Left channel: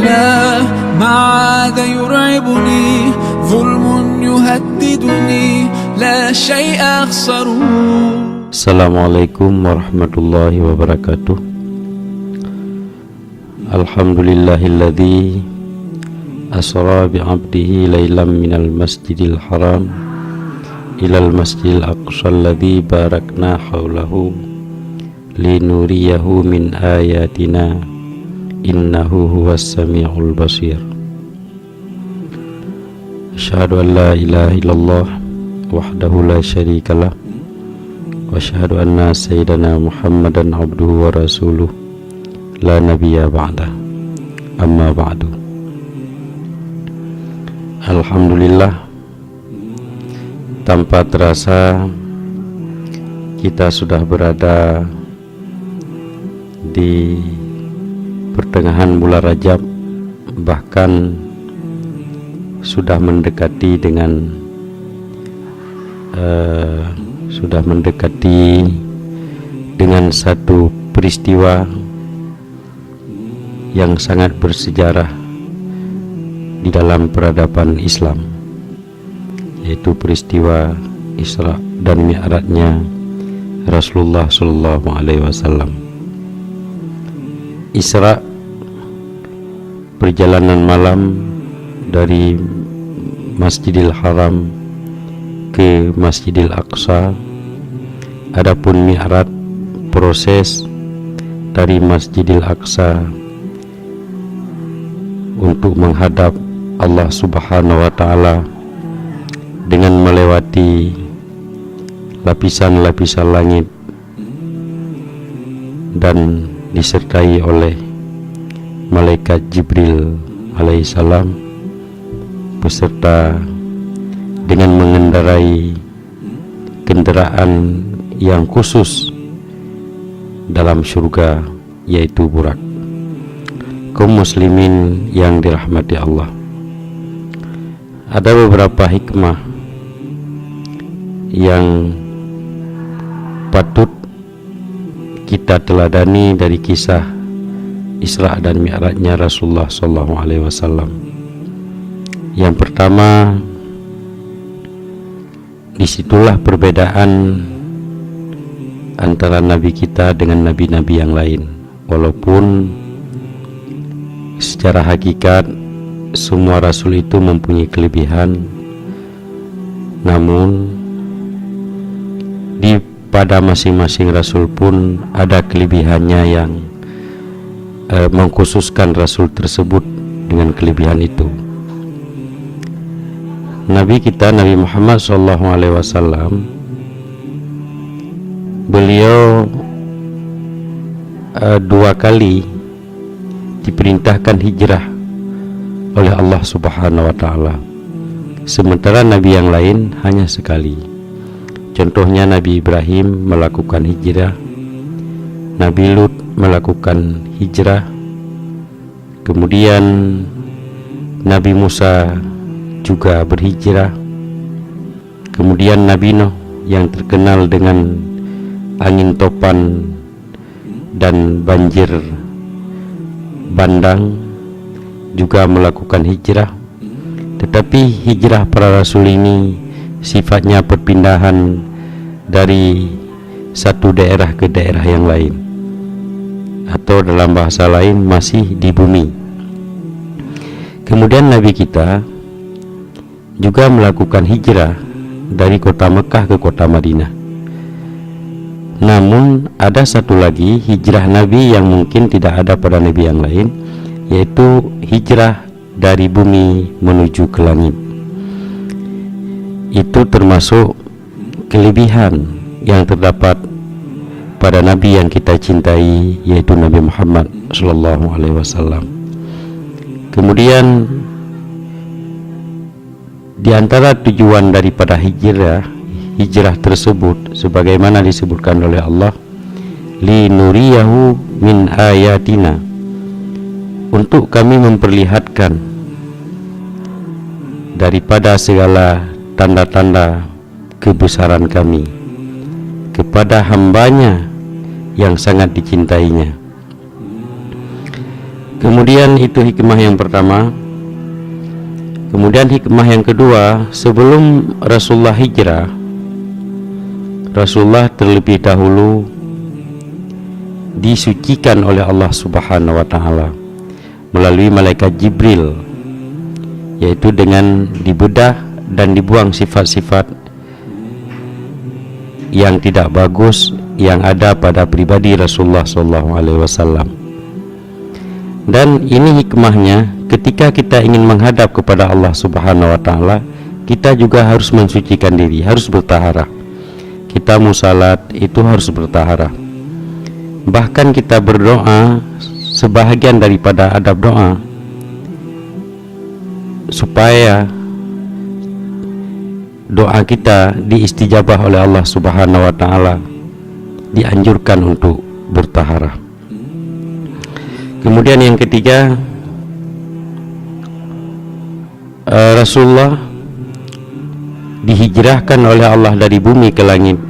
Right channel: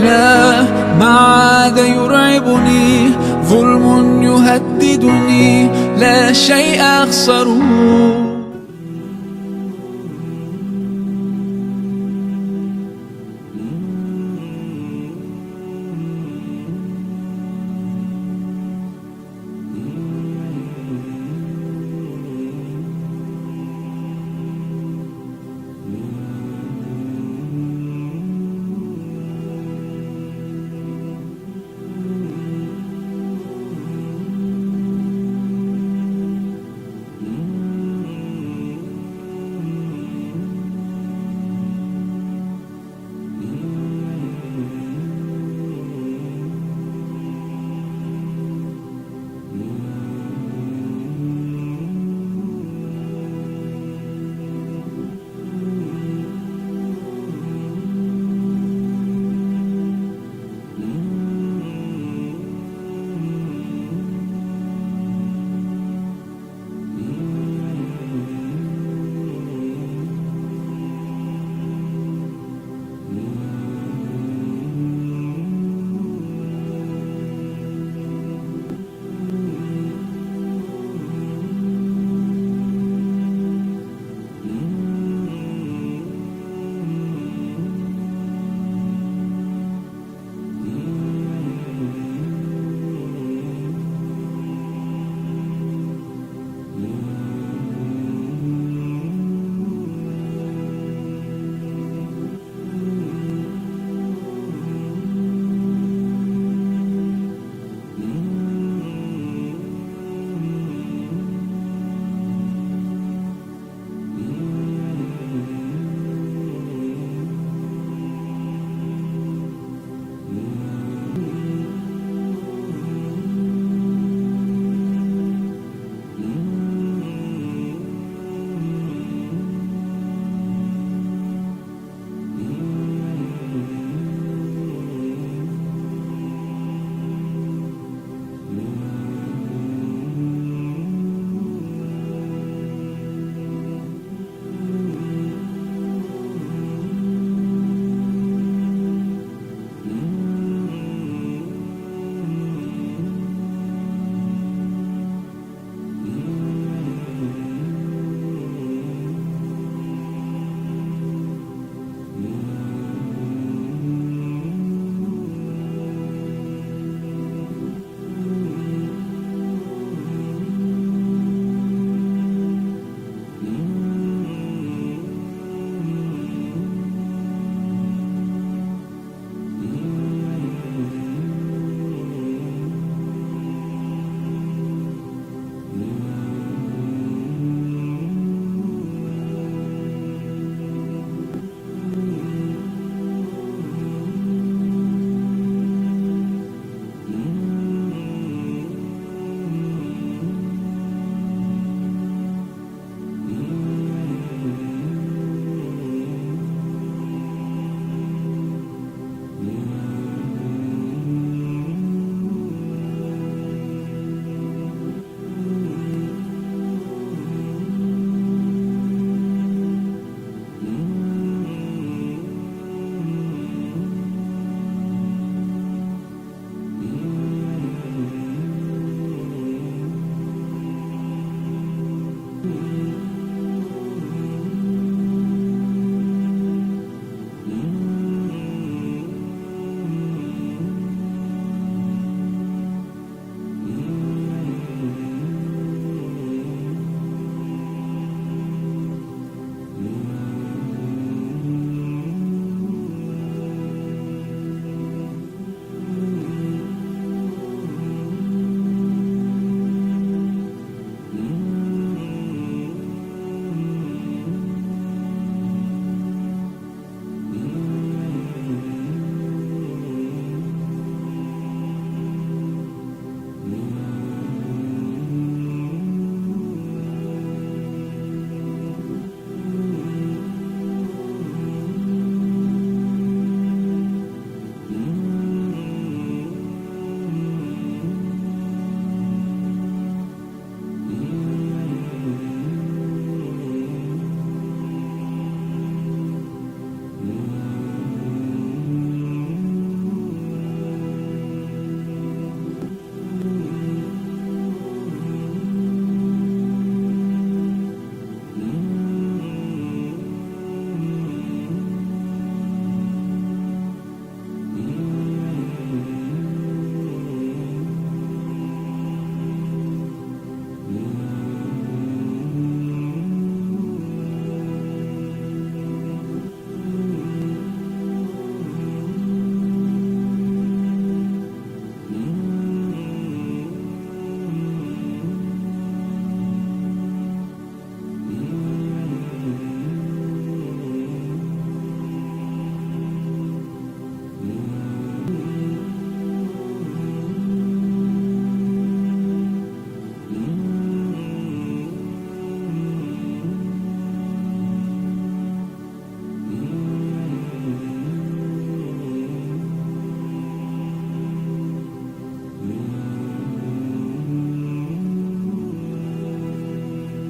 لا ما عاد يرعبني ظلم يهددني لا شيء أخسره. Assalamualaikum warahmatullahi wabarakatuh. Alhamdulillahilladzi asra bi'abdihi laylam minal masjidil haram ilal masjidil aqsa alladzi barakna haulahu linuriyahu min ayatina innahu huwas sami'ul basir. Asyhadu an la ilaha illallah wahdahu la syarikalah wa asyhadu anna sayyidana Muhammadan abduhu wa rasuluh la nabiyya ba'da. Amma ba'du. Alhamdulillah, tanpa terasa kita sudah berada di pertengahan bulan Rajab, bahkan sudah mendekati dengan satu peristiwa yang sangat bersejarah di dalam peradaban Islam, yaitu peristiwa Isra dan Mi'rajnya Rasulullah Sallallahu Alaihi Wasallam. Isra, perjalanan malam dari Masjidil Haram ke Masjidil Aqsa. Adapun Mi'raj, proses dari Masjidil Aqsa untuk menghadap Allah Subhanahu wa Ta'ala dengan melewati lapisan-lapisan langit dan disertai oleh malaikat Jibril alaihissalam beserta dengan mengendarai kendaraan yang khusus dalam surga, yaitu burak. Kaum muslimin yang dirahmati Allah, ada beberapa hikmah yang patut kita teladani dari kisah Isra dan Mi'rajnya Rasulullah Sallallahu Alaihi Wasallam. Yang pertama, disitulah perbedaan antara nabi kita dengan nabi-nabi yang lain. Walaupun secara hakikat semua rasul itu mempunyai kelebihan, namun pada masing-masing rasul pun ada kelebihannya yang mengkhususkan rasul tersebut dengan kelebihan itu. Nabi kita Nabi Muhammad SAW, beliau dua kali diperintahkan hijrah oleh Allah Subhanahu wa Ta'ala, sementara nabi yang lain hanya sekali. Contohnya Nabi Ibrahim melakukan hijrah, Nabi Lut melakukan hijrah, kemudian Nabi Musa juga berhijrah, kemudian Nabi Nuh yang terkenal dengan angin topan dan banjir bandang juga melakukan hijrah. Tetapi hijrah para rasul ini sifatnya perpindahan dari satu daerah ke daerah yang lain, atau dalam bahasa lain masih di bumi. Kemudian Nabi kita juga melakukan hijrah dari kota Mekah ke kota Madinah. Namun ada satu lagi hijrah Nabi yang mungkin tidak ada pada Nabi yang lain, yaitu hijrah dari bumi menuju ke langit. Itu termasuk kelebihan yang terdapat pada Nabi yang kita cintai, yaitu Nabi Muhammad Sallallahu Alaihi Wasallam. Kemudian di antara tujuan daripada hijrah tersebut, sebagaimana disebutkan oleh Allah, linuriyahu min ayatina, untuk kami memperlihatkan daripada segala tanda-tanda kebesaran kami kepada hambanya yang sangat dicintainya. Kemudian Kemudian itu hikmah yang pertama. Kemudian hikmah yang kedua, sebelum Rasulullah hijrah, Rasulullah terlebih dahulu disucikan oleh Allah Subhanahu wa taala melalui malaikat Jibril, yaitu dengan dibedah dan dibuang sifat-sifat yang tidak bagus yang ada pada pribadi Rasulullah SAW. Dan ini hikmahnya, ketika kita ingin menghadap kepada Allah Subhanahu wa taala, kita juga harus mensucikan diri, harus bertaharah. Kita musalat itu harus bertaharah. Bahkan kita berdoa, sebahagian daripada adab doa supaya doa kita diistijabah oleh Allah Subhanahu wa taala, dianjurkan untuk bertaharah. Kemudian yang ketiga, Rasulullah dihijrahkan oleh Allah dari bumi ke langit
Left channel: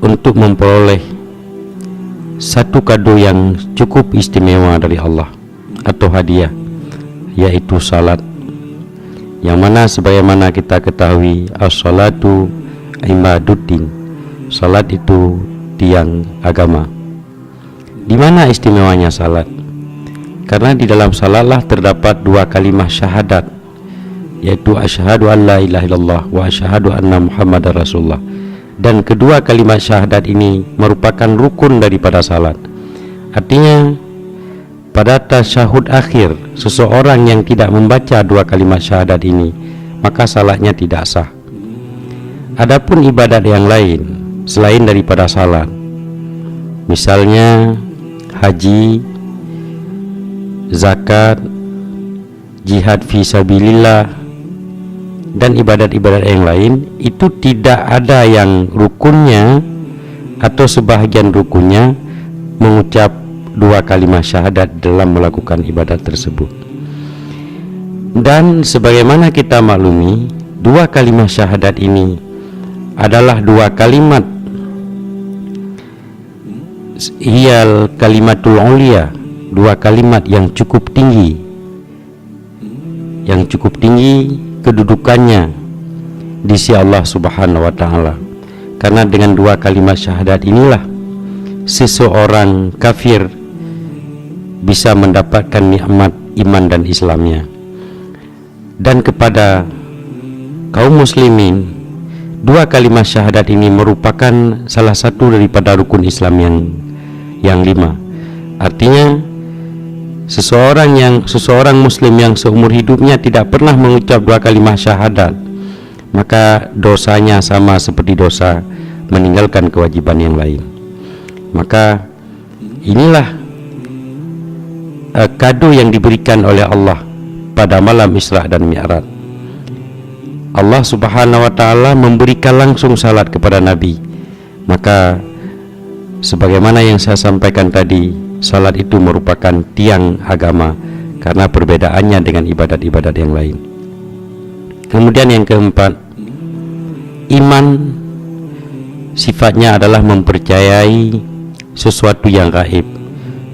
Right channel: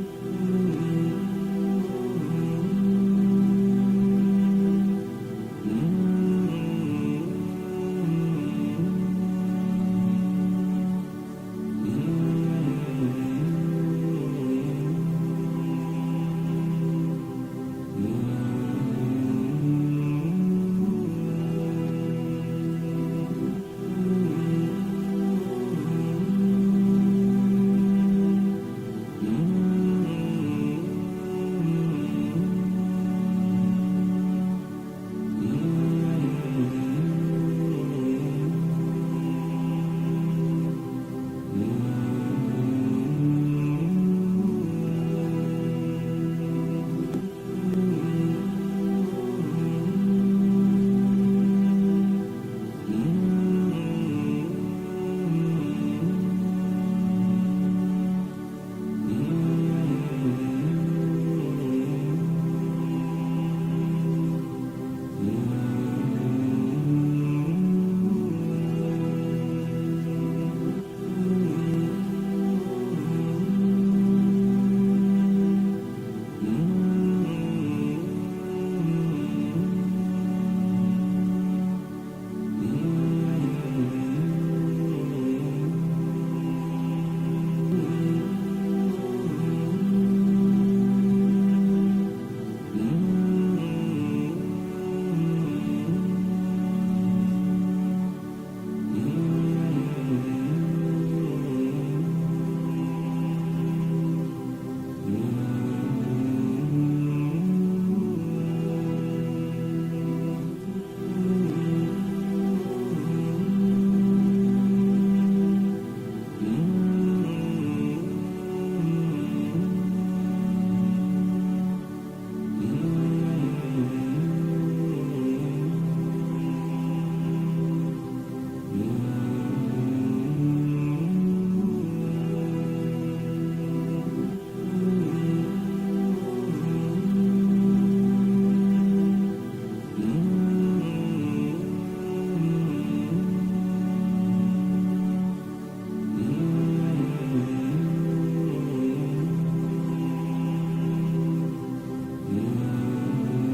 untuk memperoleh satu kado yang cukup istimewa dari Allah atau hadiah, yaitu salat, yang mana sebagaimana kita ketahui, as-salatu imaduddin, salat itu tiang agama. Di mana istimewanya salat? Karena di dalam salatlah terdapat dua kalimat syahadat, yaitu asyhadu an la ilaha illallah wa asyhadu anna muhammadar rasulullah. Dan kedua kalimat syahadat ini merupakan rukun daripada salat. Artinya pada tasyahud akhir, seseorang yang tidak membaca dua kalimat syahadat ini, maka salatnya tidak sah. Adapun ibadat yang lain selain daripada salat, misalnya haji, zakat, jihad fi sabilillah, dan ibadat-ibadat yang lain, itu tidak ada yang rukunnya atau sebahagian rukunnya mengucap dua kalimat syahadat dalam melakukan ibadat tersebut. Dan sebagaimana kita maklumi, dua kalimat syahadat ini adalah dua kalimat hiyal kalimatul ulia, dua kalimat yang cukup tinggi, kedudukannya di sisi Allah Subhanahu wa taala. Karena dengan dua kalimat syahadat inilah seseorang kafir bisa mendapatkan nikmat iman dan Islamnya. Dan kepada kaum muslimin, dua kalimat syahadat ini merupakan salah satu daripada rukun Islam yang 5. Artinya seseorang muslim yang seumur hidupnya tidak pernah mengucap dua kalimat syahadat, maka dosanya sama seperti dosa meninggalkan kewajiban yang lain. Maka inilah kado yang diberikan oleh Allah pada malam Isra dan Mi'raj. Allah Subhanahu wa taala memberikan langsung salat kepada Nabi. Maka sebagaimana yang saya sampaikan tadi, salat itu merupakan tiang agama karena perbedaannya dengan ibadat-ibadat yang lain. Kemudian yang keempat, iman sifatnya adalah mempercayai sesuatu yang gaib,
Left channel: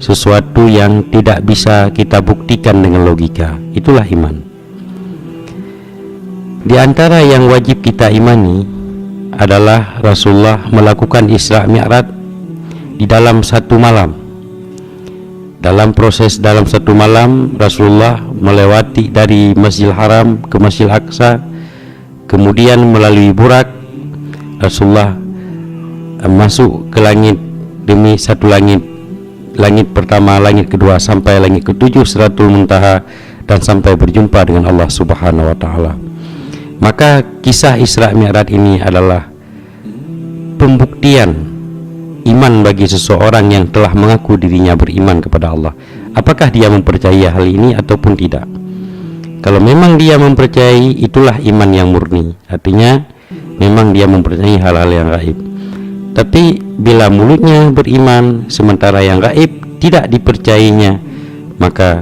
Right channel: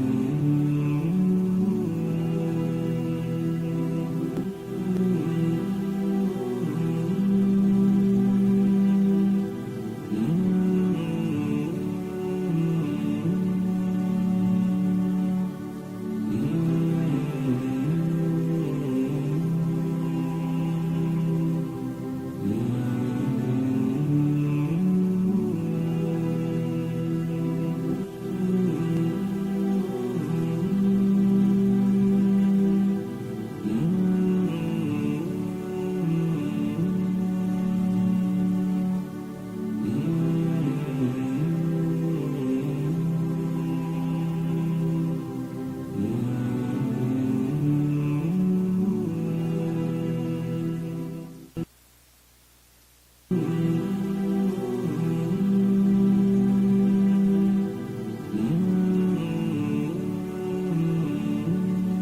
sesuatu yang tidak bisa kita buktikan dengan logika. Itulah iman. Di antara yang wajib kita imani adalah Rasulullah melakukan Isra Mi'raj di dalam satu malam. Dalam satu malam, Rasulullah melewati dari Masjidil Haram ke Masjidil Aqsa, kemudian melalui Burak, Rasulullah masuk ke langit demi satu langit. Langit pertama, langit kedua, sampai langit ke-7 Sidratul Muntaha, dan sampai berjumpa dengan Allah Subhanahu wa taala. Maka kisah Isra Mi'raj ini adalah pembuktian iman bagi seseorang yang telah mengaku dirinya beriman kepada Allah. Apakah dia mempercayai hal ini ataupun tidak? Kalau memang dia mempercayai, itulah iman yang murni. Artinya memang dia mempercayai hal-hal yang gaib. Tapi bila mulutnya beriman sementara yang gaib tidak dipercayainya, maka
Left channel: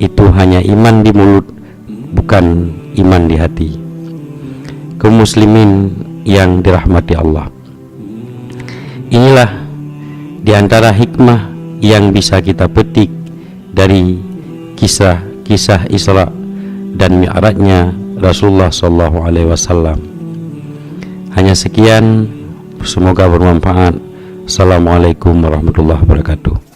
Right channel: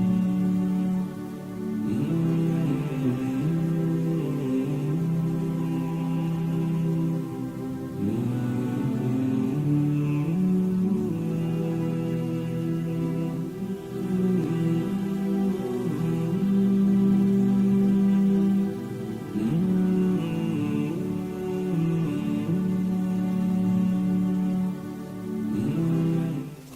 itu hanya iman di mulut, bukan iman di hati. Kaum muslimin yang dirahmati Allah, inilah di antara hikmah yang bisa kita petik dari kisah Isra dan Mi'rajnya Rasulullah sallallahu alaihi wasallam. Hanya sekian, semoga bermanfaat. Assalamualaikum warahmatullahi wabarakatuh.